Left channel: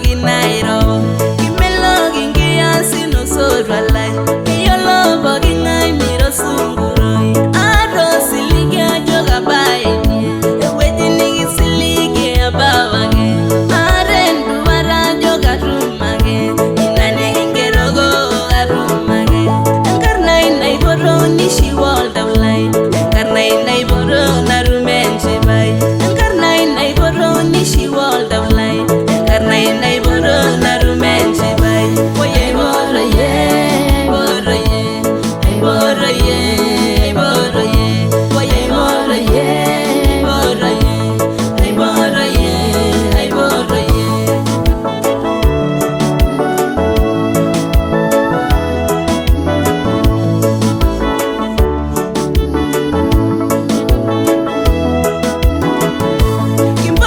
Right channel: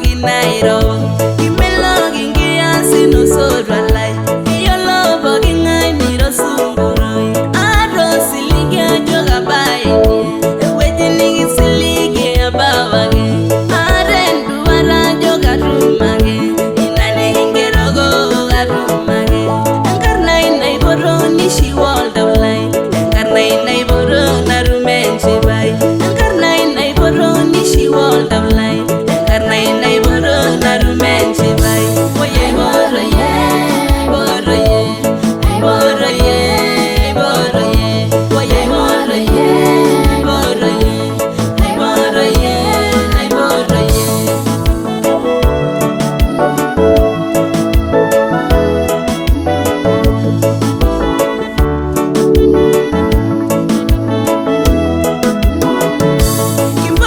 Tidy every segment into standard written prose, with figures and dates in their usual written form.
bogi nairo kimelo gingia sino sodwalai kiyolo bogi ngai miro sunguroi aro siligia joga baini eweji nigi siligia babage arendu wara joga rumage inani hingerogo arumage enkarnai naiboro nishi walda ulai enkarnai naiboro narumenche bai enkarnai naiboro nishi walda ulai enkarnai naiboro narumenche bai oye boro ye boro ye boro ye boro ye oye boro ye boro ye boro ye boro ye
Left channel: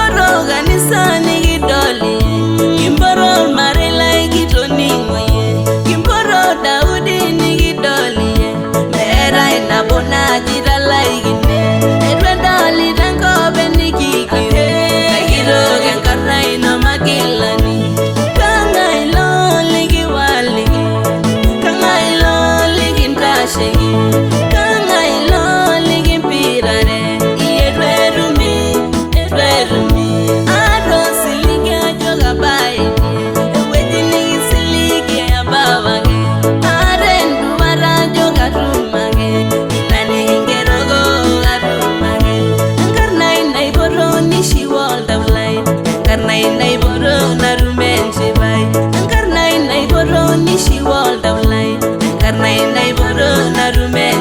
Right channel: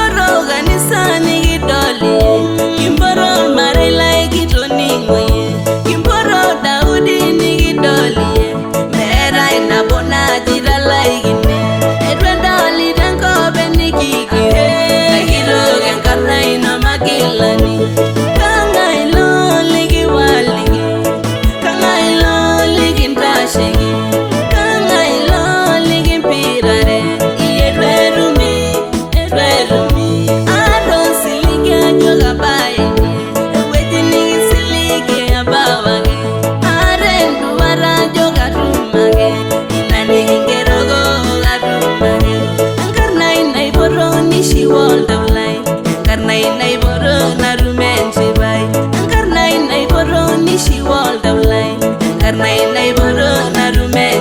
kimboroganisani gidoli kimboro marela gitoningoye kimboro daudi nigidoli mera inabona jiralaigine edwendali danko benikiki kagiro genkarna ino magilani kangailo ligi waligi kangailo ligi ntashegi kangailo ligi mpirare edwerumi aro siligia joga baini eweji nigi siligia babage arendu wara joga rumage inani hingerogo arumage enkarnai naiboro nishi walda ulai enkarnai naiboro narumenche bai enkarnai naiboro nishi walda ulai enkarnai naiboro narumenche